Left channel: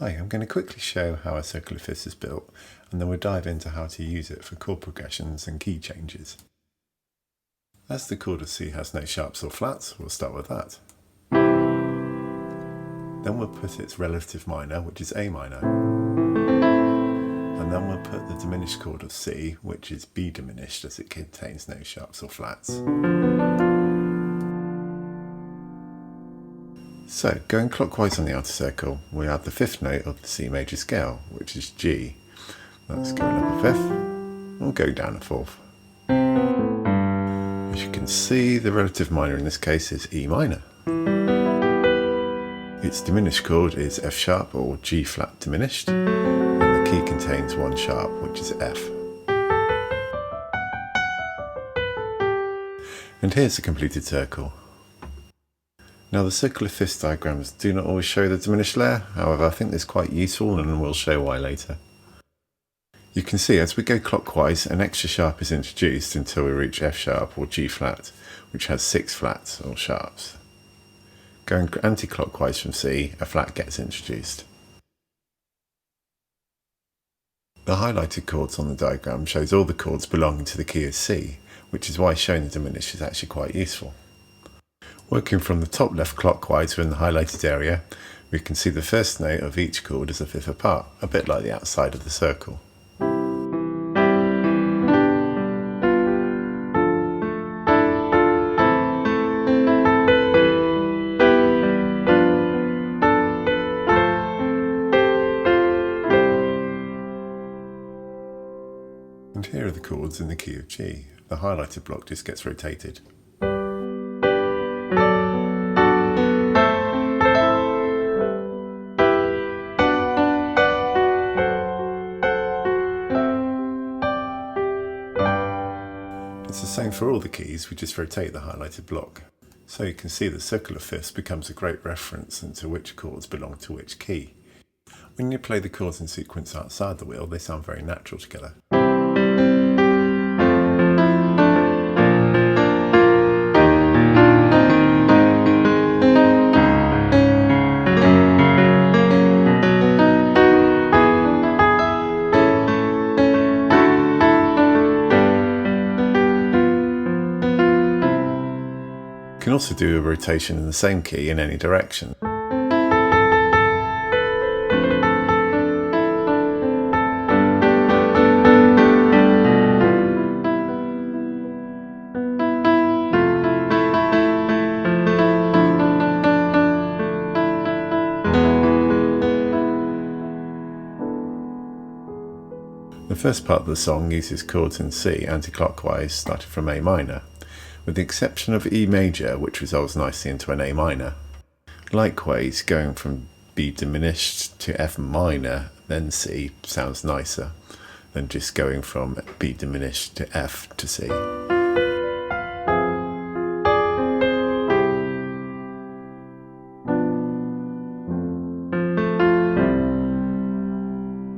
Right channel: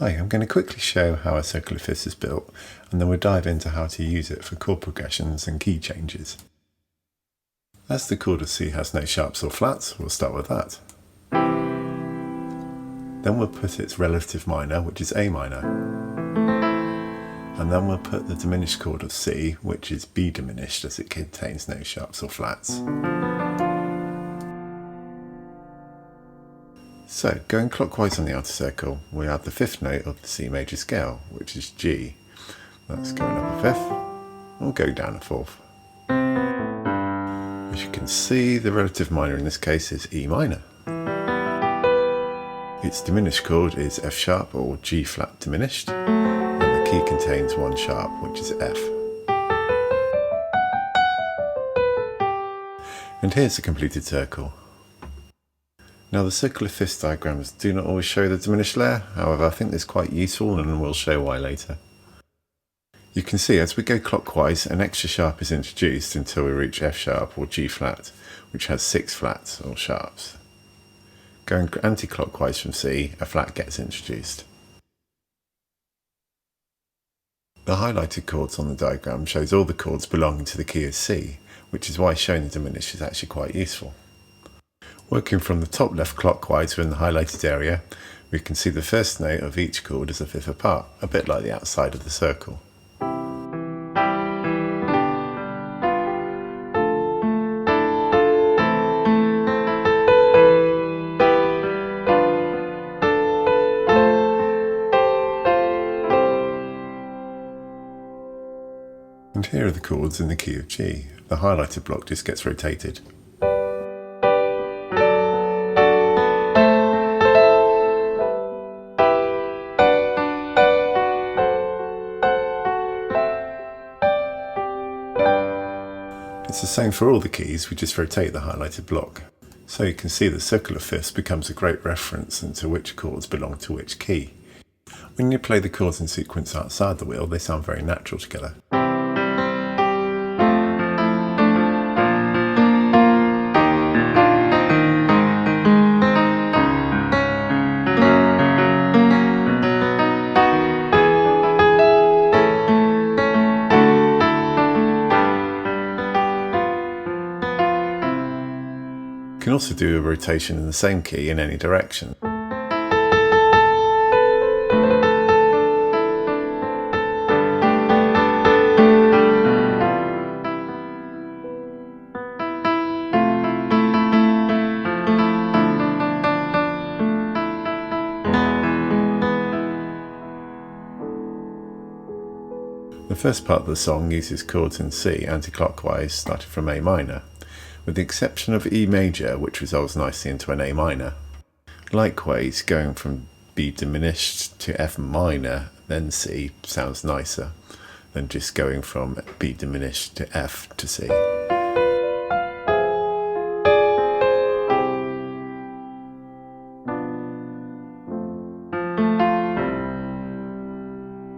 Hi, I'm going to quickly show how a circular fifth is built, and then we'll dive into how to use it for chord progressions and key changes. As the chord of C has no sharps or flats, we'll start with that. Then we'll put its relative minor, which is A minor. And then we'll put the diminished chord of C, which is B diminished, as it contains no sharps or flats. So, going clockwise on the outer circle, we add the fifth note of the C major scale, which is G. That's going up a fifth, or go down a fourth. As you can see, the relative minor in this case is E minor. Its diminished chord is F sharp or G flat diminished, and the key contains one sharp, which is F. And here's the completed circle. Now, the circular fifths diagrams do not always show the diminished layer, however I think this is quite useful and we'll show why later. You can see as we go clockwise an extra sharp is introduced until we reach F sharp or G flat, which has 6 flats or sharps. Going anti-clockwise from C, a flat gets introduced. The highlighted chords on the diagram shows all the chords belonging to the key of C, which is why showing the diminished is actually quite useful. Working from the top left clockwise within the highlighted area, we can see the first note of each chord is a fifth apart, a bit like the outside of the circle. And here are the chords in the key of G. The highlighted block just gets rotated. It's the same for all the keys, we just rotate the highlighted block. So you can see the circular fifths becomes a great reference into which chords belong to which key. When you play the chords in sequence outside the wheel, they sound very natural together. You can also do a rotation in the same key in any direction. The first part of the song uses chords in C anti-clockwise, starting from A minor, with the exception of E major, which resolves nicely into an A minor. Likewise, going from B diminished to F minor, then C, sounds nicer than just going from B diminished to F to C.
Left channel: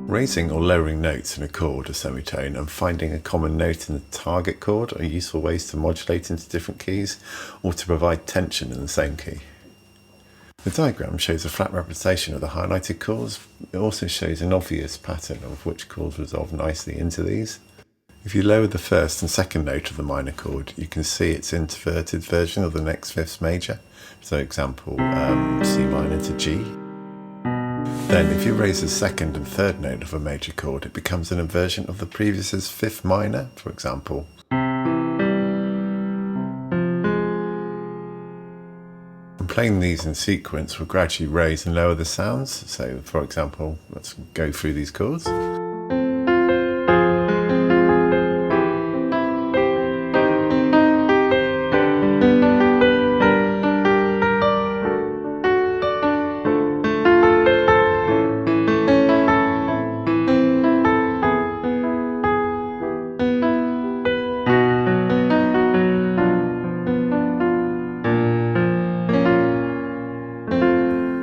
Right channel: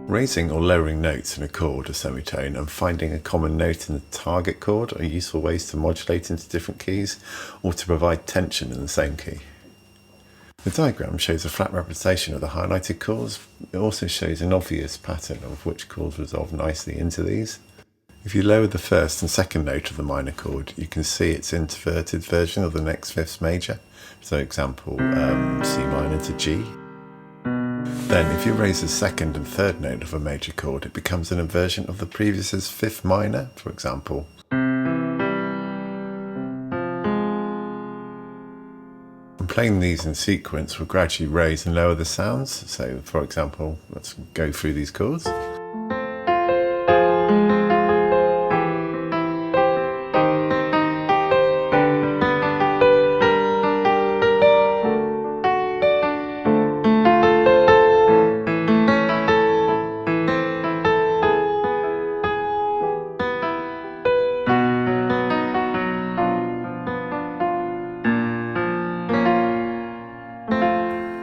Raising or lowering notes in a chord or semitone and finding a common note in the target chord are useful ways to modulate into different keys or to provide tension in the same key. The diagram shows a flat representation of the highlighted chords. It also shows an obvious pattern of which chords resolve nicely into these. If you lower the first and second note of the minor chord, you can see its inverted version of the next fifth major. So example, C minor to G. Then, if you raise the second and third note of a major chord, it becomes an inversion of the previous's fifth minor, for example. And playing these in sequence will gradually raise and lower the sounds. So, for example, let's go through these chords.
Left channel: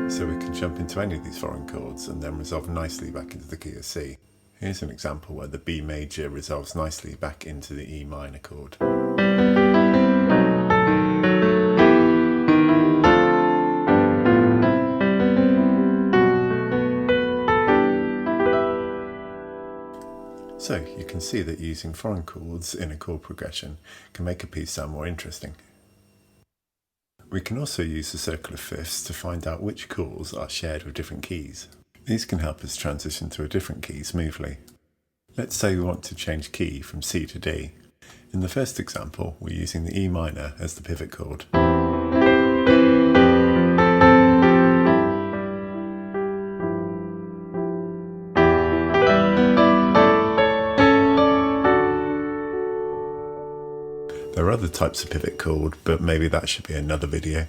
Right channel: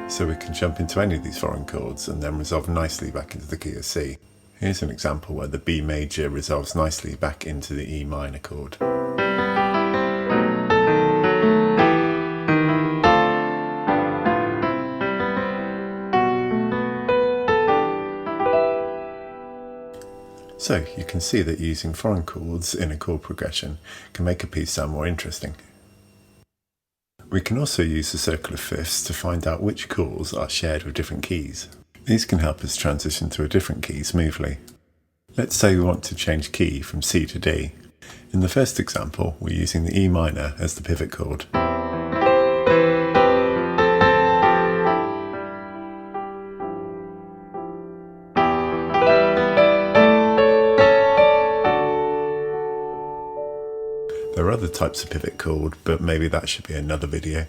So we can jump into any of these foreign chords and then resolve nicely back into the key of C. Here's an example where the B major resolves nicely back into the E minor chord. So you can see that using foreign chords in a chord progression can make a piece sound more interesting. We can also use the circle of fifths to find out which chords are shared with different keys. These can help us transition to a different key smoothly. Let's say we want to change key from C to D. In the first example, we're using the E minor as the pivot chord. There are other types of pivot chord, but maybe that should be another video.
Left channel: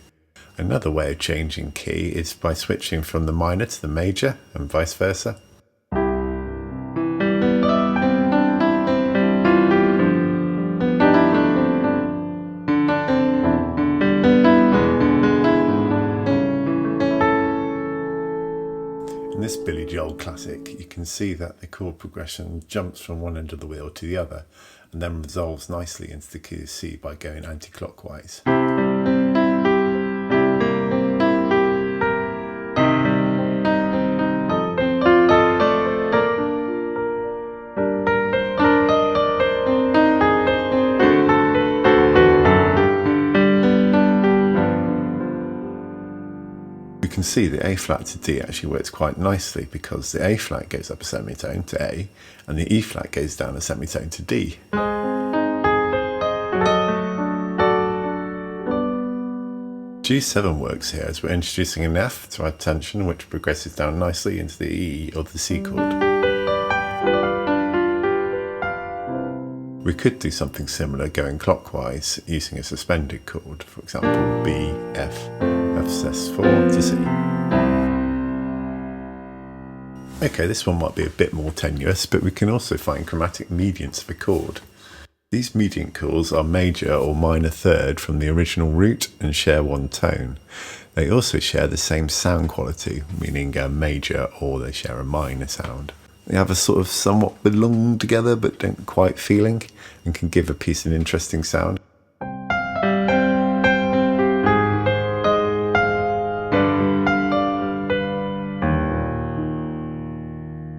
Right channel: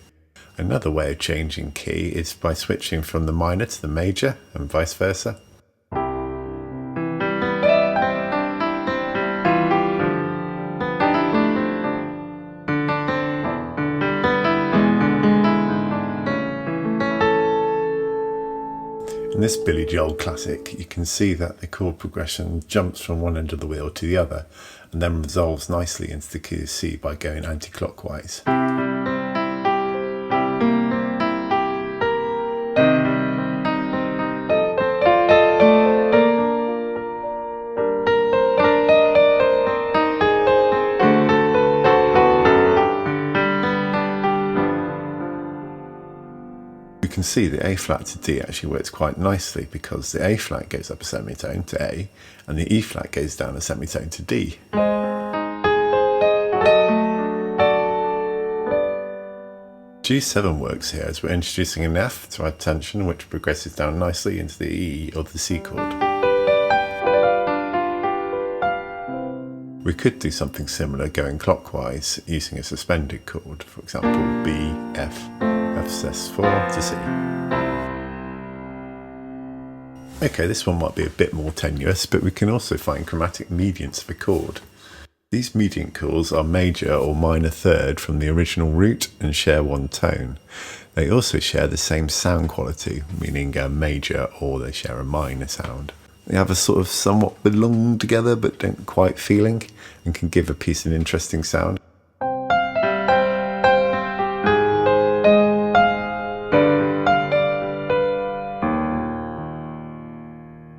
Another way of changing key is by switching from the minor to the major and vice versa. In this Billy Joel classic, you can see that the chord progression jumps from one end of the wheel to the other and then resolves nicely into the key of C by going anti-clockwise. We can see the A flat to D actually works quite nicely because the A flat goes up a semitone to A and the E flat goes down a semitone to D. G7 works here as we're introducing an F to add tension, which progresses down nicely into the E or the C chord. We could do something similar going clockwise using a suspended chord, for example B, F, F sus4 to C. Okay, this one might be a bit more tenuous, but we can also find chromatic mediants of a chord. These mediant chords are major or minor third from the original root and share one tone. They also share the same sound quality, meaning a major, or they share a minor sound. They have a sort of somewhat belong together but don't quite feeling, and can give a piece an interesting sound.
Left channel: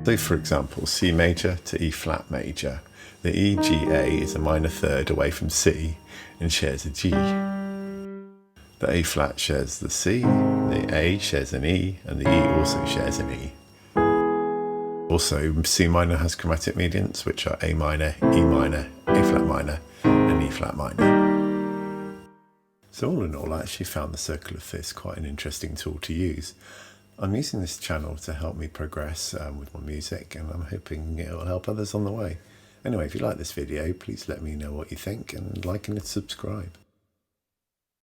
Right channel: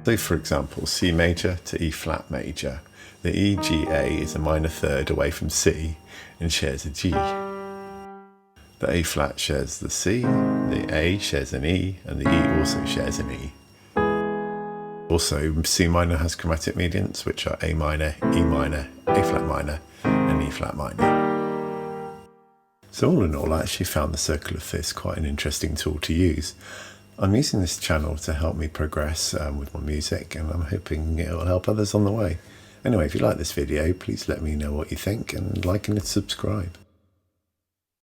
So for example, C major to E flat major. The E, G, A is a minor third away from C and shares a G. The A flat shares the C, the A shares an E, and the E also shares an E. Also, C minor has chromatic mediants, which are A minor, E minor, A flat minor, and E flat minor. So all in all, I actually found the circle of fifths quite an interesting tool to use. I'm using this channel to help me progress with my music, and I'm hoping it will help others on the way. Anyway, if you like this video, please let me know what you think and like and subscribe.